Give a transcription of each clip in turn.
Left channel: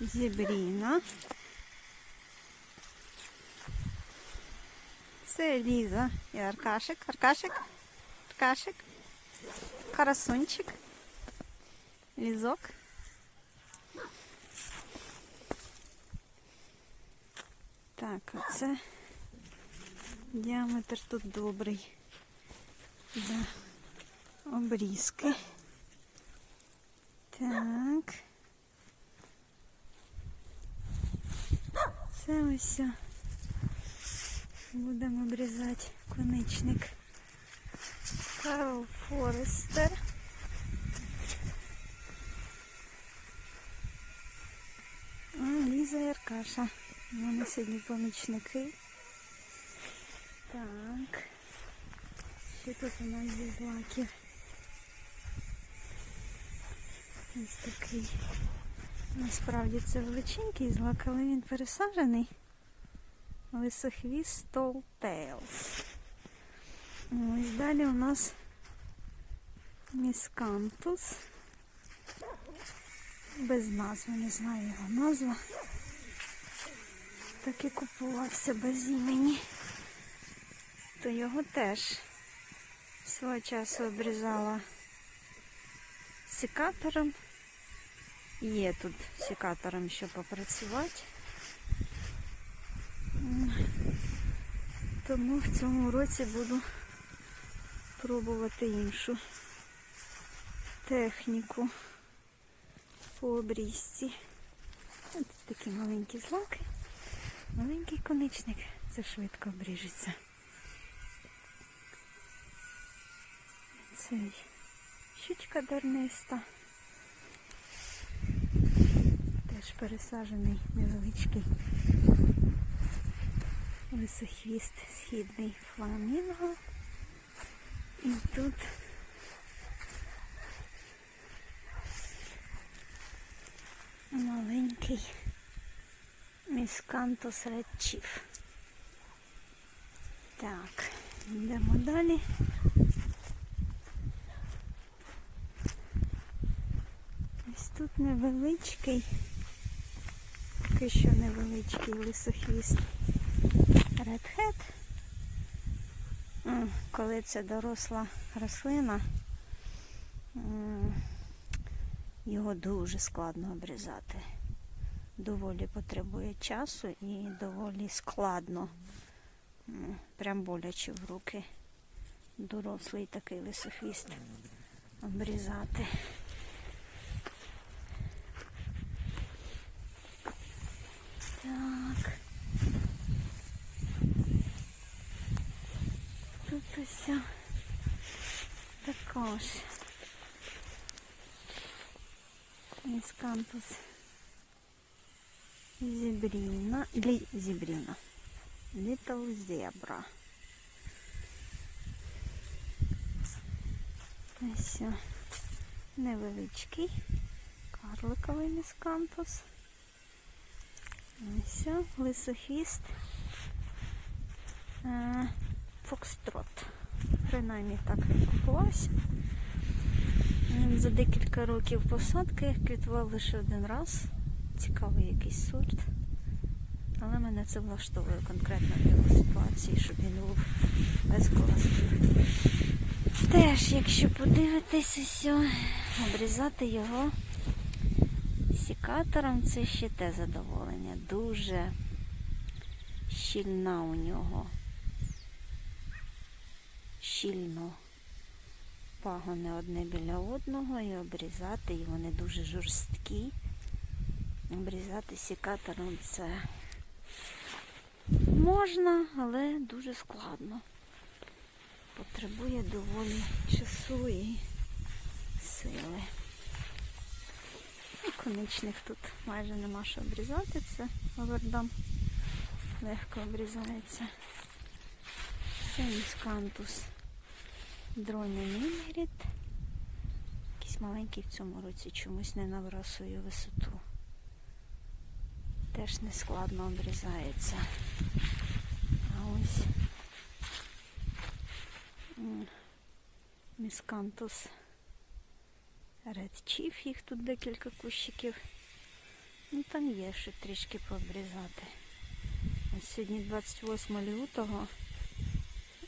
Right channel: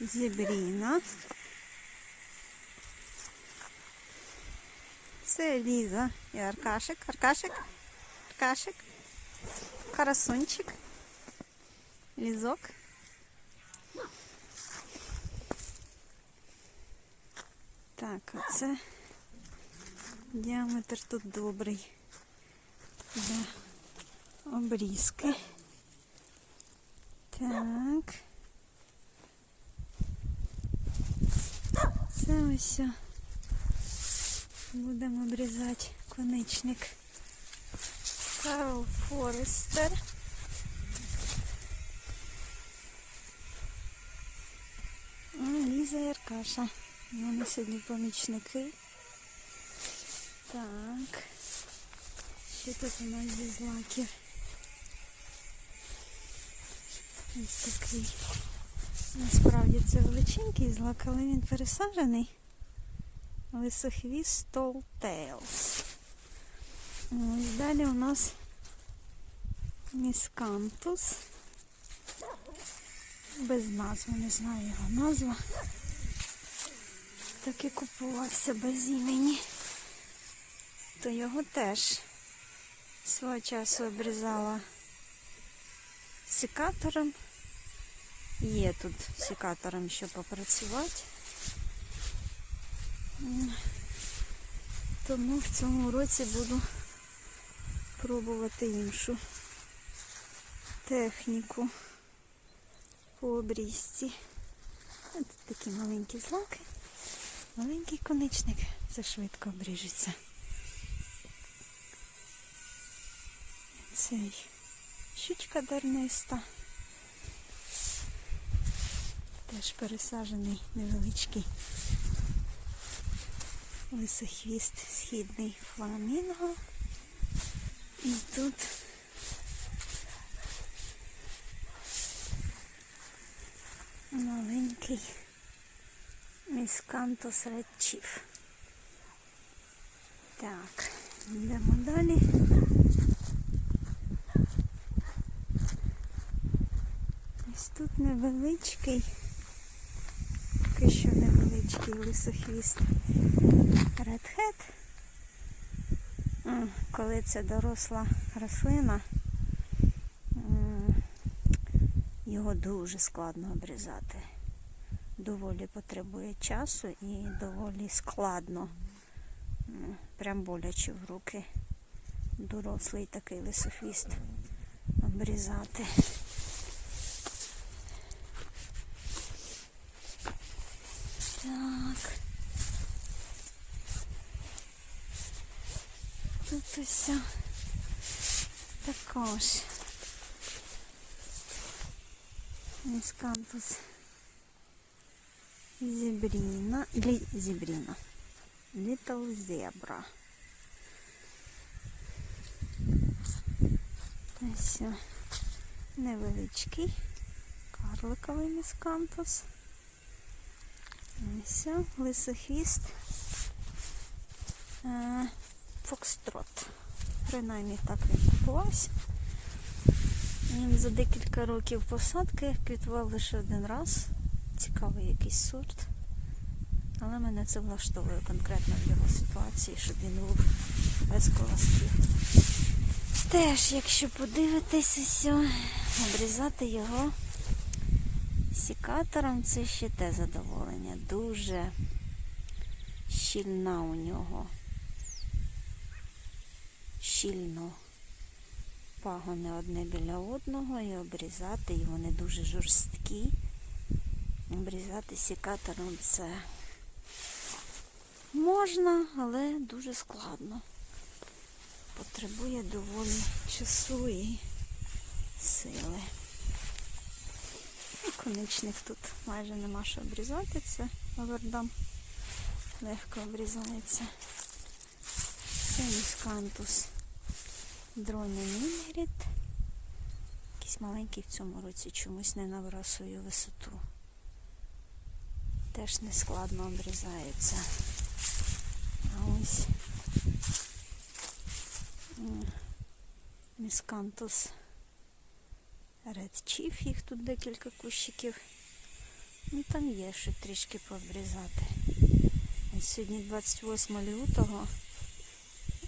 Зібріна. Це Ліза і Аркашик. Аркашик. Аркашик. Карасунчик. Лізок. Так, оце діаметр тут добрий. Для обрізки. Так. Це ось будемо обрізати коничник. Карл Форестер. Ліза і Аркаша. Вони сьогодні помічники. Так. Що тут у нас зі злаків? Ось такий. Насправді це величенький злак, але він пересаджений. Лисохвіст Tall Tales. Ось далі у нас міскантус. Без назви, не знаю його назва. Так і купувався без імені. То його теж свого часу обрізала секатором. Є тут секатором, що попрацювати. Тому в цьому році буду пробувати іншу техніку по обрізці. Ось такі маленькі злаки. Маленький коничник. Це швидко обріжеться. Цей щучка дерниста. Теж пересаджений невеличкий лисохвіст східний фламінго. І тут маленький міскантус редчів. Так, йдемо далі. Ось тут невеличкий, поки що невеличкий лисохвіст редхед. Коли це доросла рослина, його дуже складно обрізати. Доволі потребує часу і доволі складно. Прям боляче в руки. Дорослий такий лисохвіст обрізати. Так. Тут ось також міскантус зібріна, лі, зібріна, Little Zebra. Ось невеличкий карликовий міскантус. Ось лисохвіст. Е, Фокстрот. Принаймні так він купувався. Він за декілька років посадки квітував лише один раз. Цікавий якийсь сорт. Але мене це влаштовує конкретно в його ситуації, щоб він був без колосків. Теж, якщо подивитись усе, обрізати його сікатором, це ще те задоволення. Дуже щільна у нього щільно пагони одне біля одного і обрізати, і вони дуже жорсткі. Обрізати сікатором це можна, але дуже складно. Потребує доволі часу і сили. І конечних тут майже нема що обрізати, це овердам легко обрізається. Це міскантус дроня Мінгрід. Якийсь маленький в цьому році чомусь не набрав свою висоту. Теж не складно обрізається. А ось міскантус Chief, їх тут декілька кущиків. Ну там є що трішки пообрізати. Ось Сьогодні 28 лютого.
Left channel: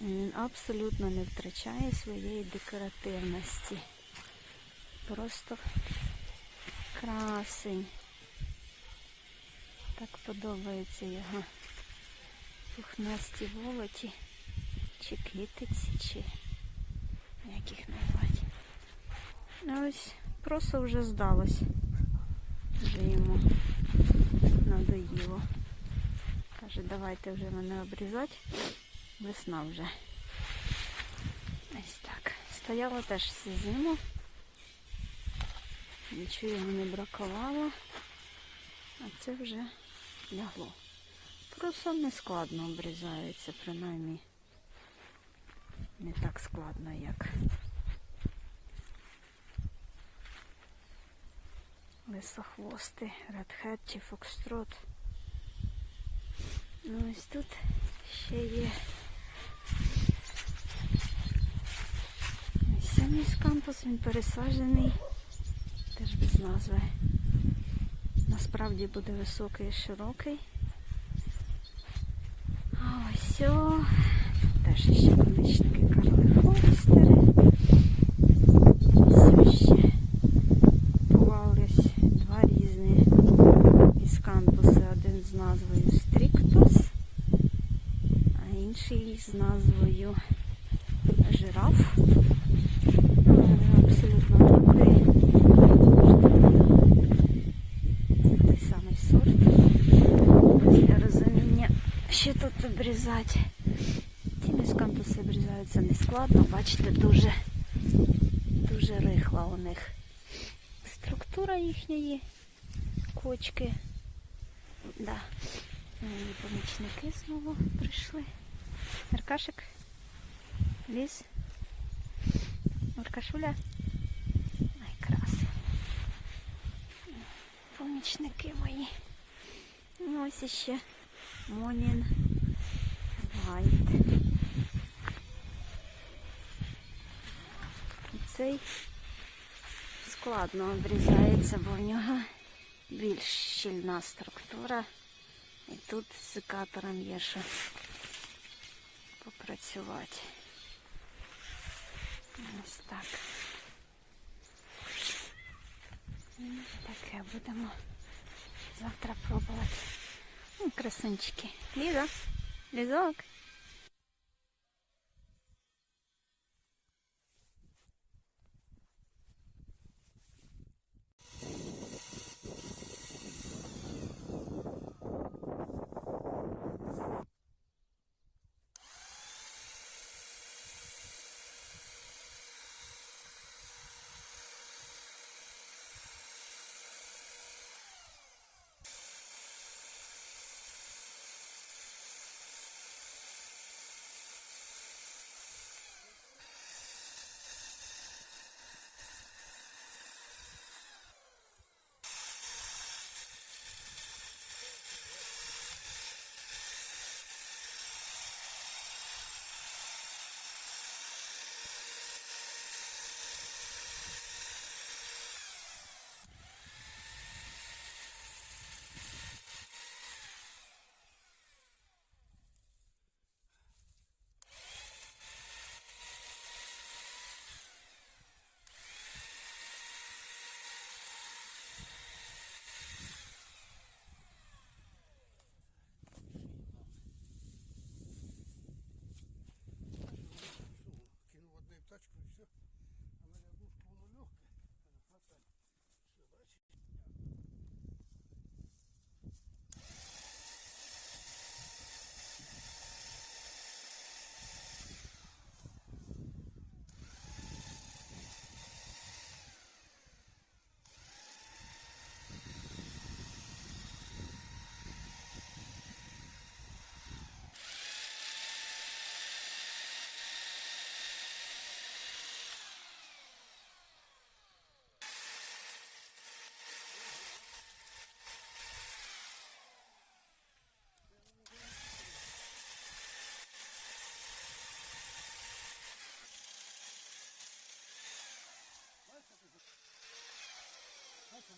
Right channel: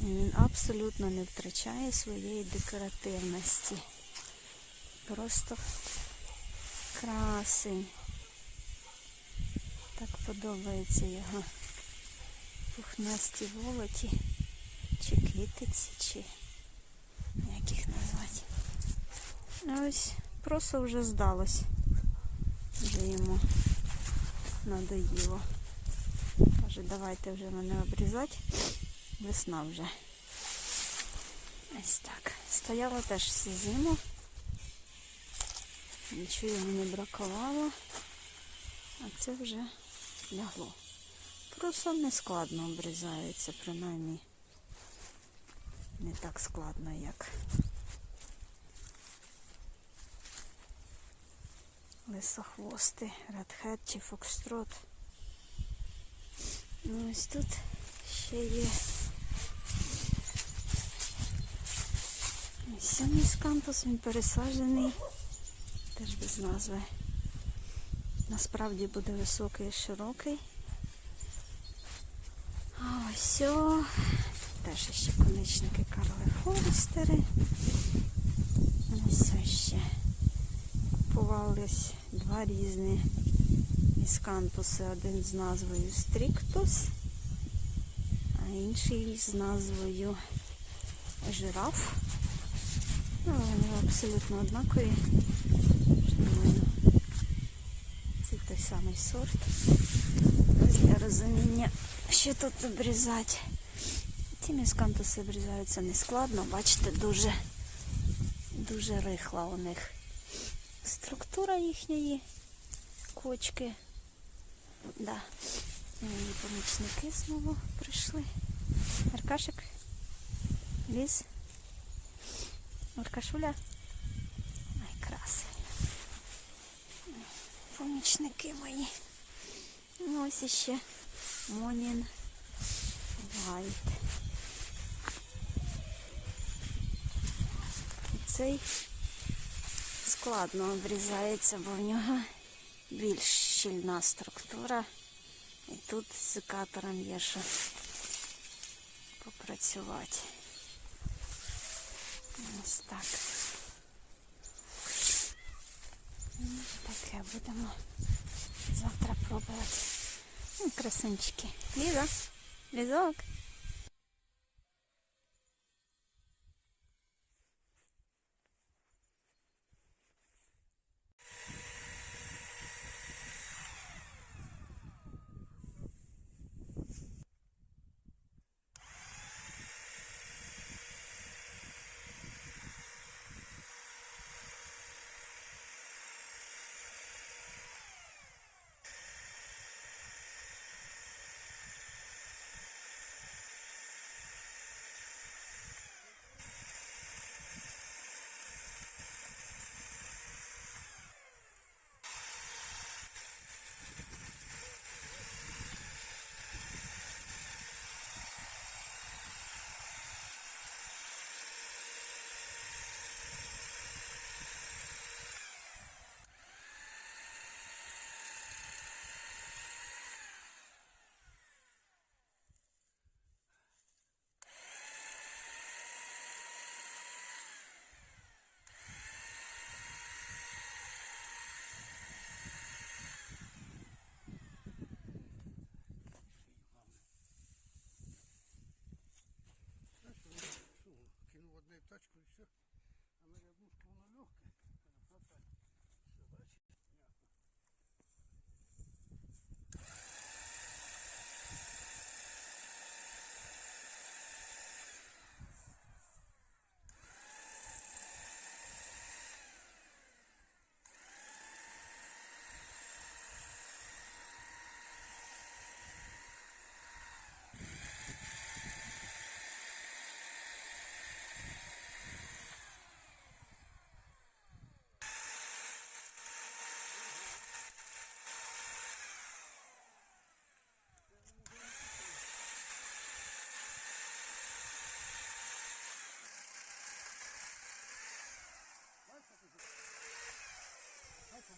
Він абсолютно не втрачає своєї декоративності. Просто красень. Так подобається його пухнасті волоті, чи китиці, чи як їх назвати. Ось просто вже здалось. Вже йому надоїло. Каже, давайте вже мене обрізати. Весна вже. Ось так. Стояла теж всю зиму. Нічого йому не бракувало. А це вже лягло. Просто не складно обрізається, принаймні. Не так складно, як лисохвости, редхед чи фокстрот. Ну ось тут ще є ось сьомий скантус, він пересаджений, теж без назви. Насправді буде високий і широкий. А ось о, теж ще конечники Карли Форестери. Ось ще купувались два різні іскантуси. Один з назвою Стріктус, а інший з назвою Жираф. Ну, вони абсолютно однакові. Це той самий сорт. Для розуміння, що тут обрізати. Ці міскантуси обрізаються нескладно, бачите, дуже, дуже рихла у них структура їхньої кочки. Да. Мої помічники знову прийшли. Аркашик, ліз. Аркашуля. Ай, краси. Помічники мої. Ну, ось іще Монін Вайт. І цей складно обрізається, бо в нього більш щільна структура. І тут з секатором є що попрацювати. Ось так. Ну, Таке будемо завтра пробувати. Ну, красунчики. Ліза, лізок.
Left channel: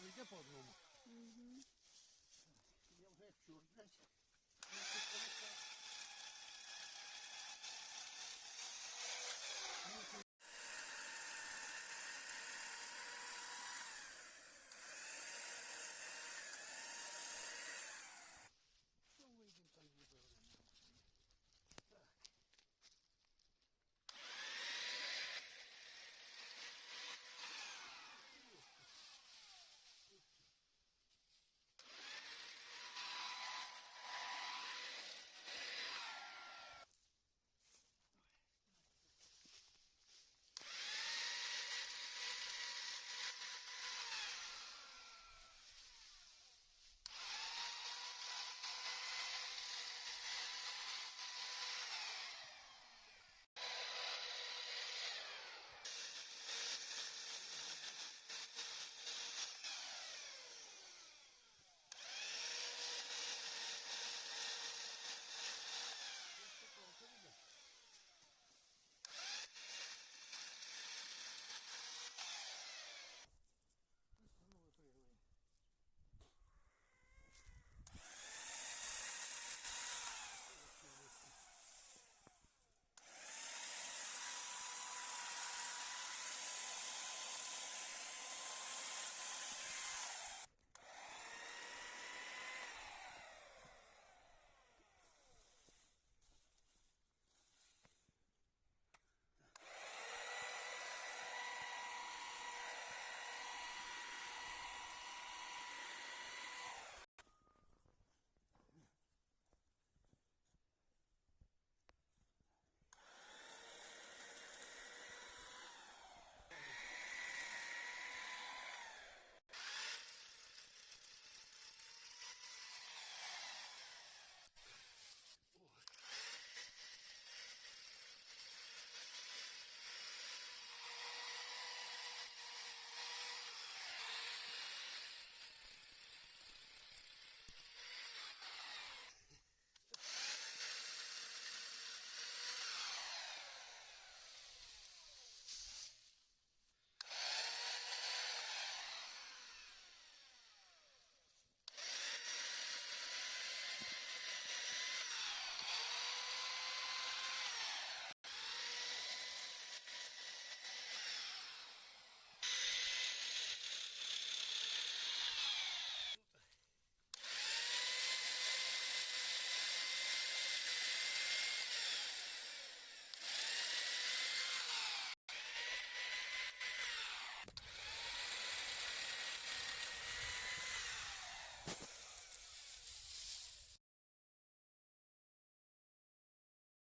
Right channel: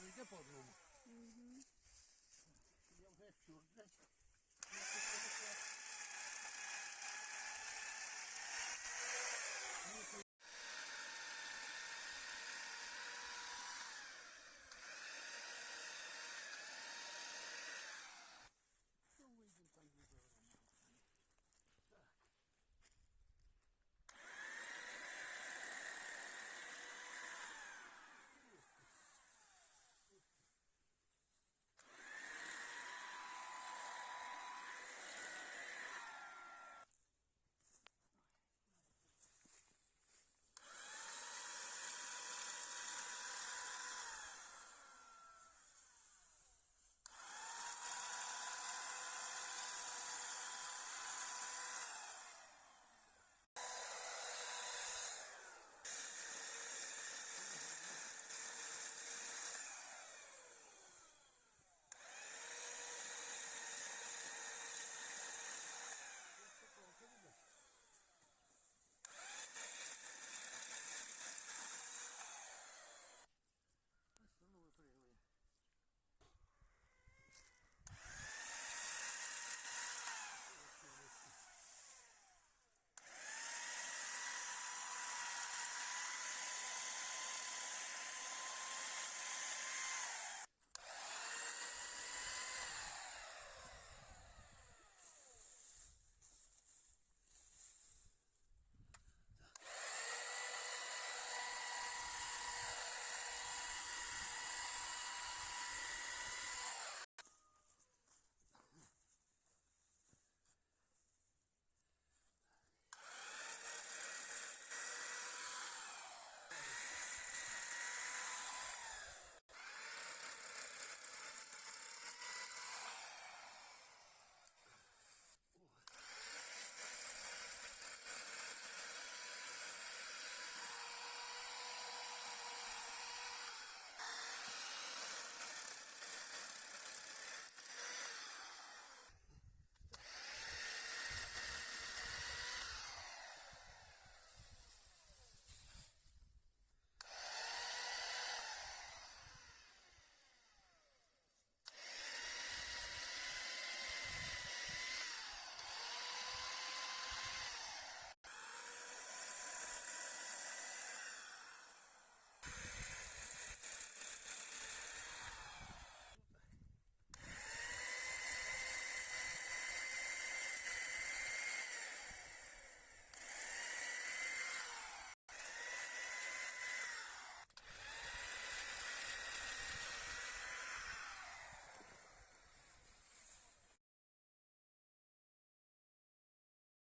人家保证了。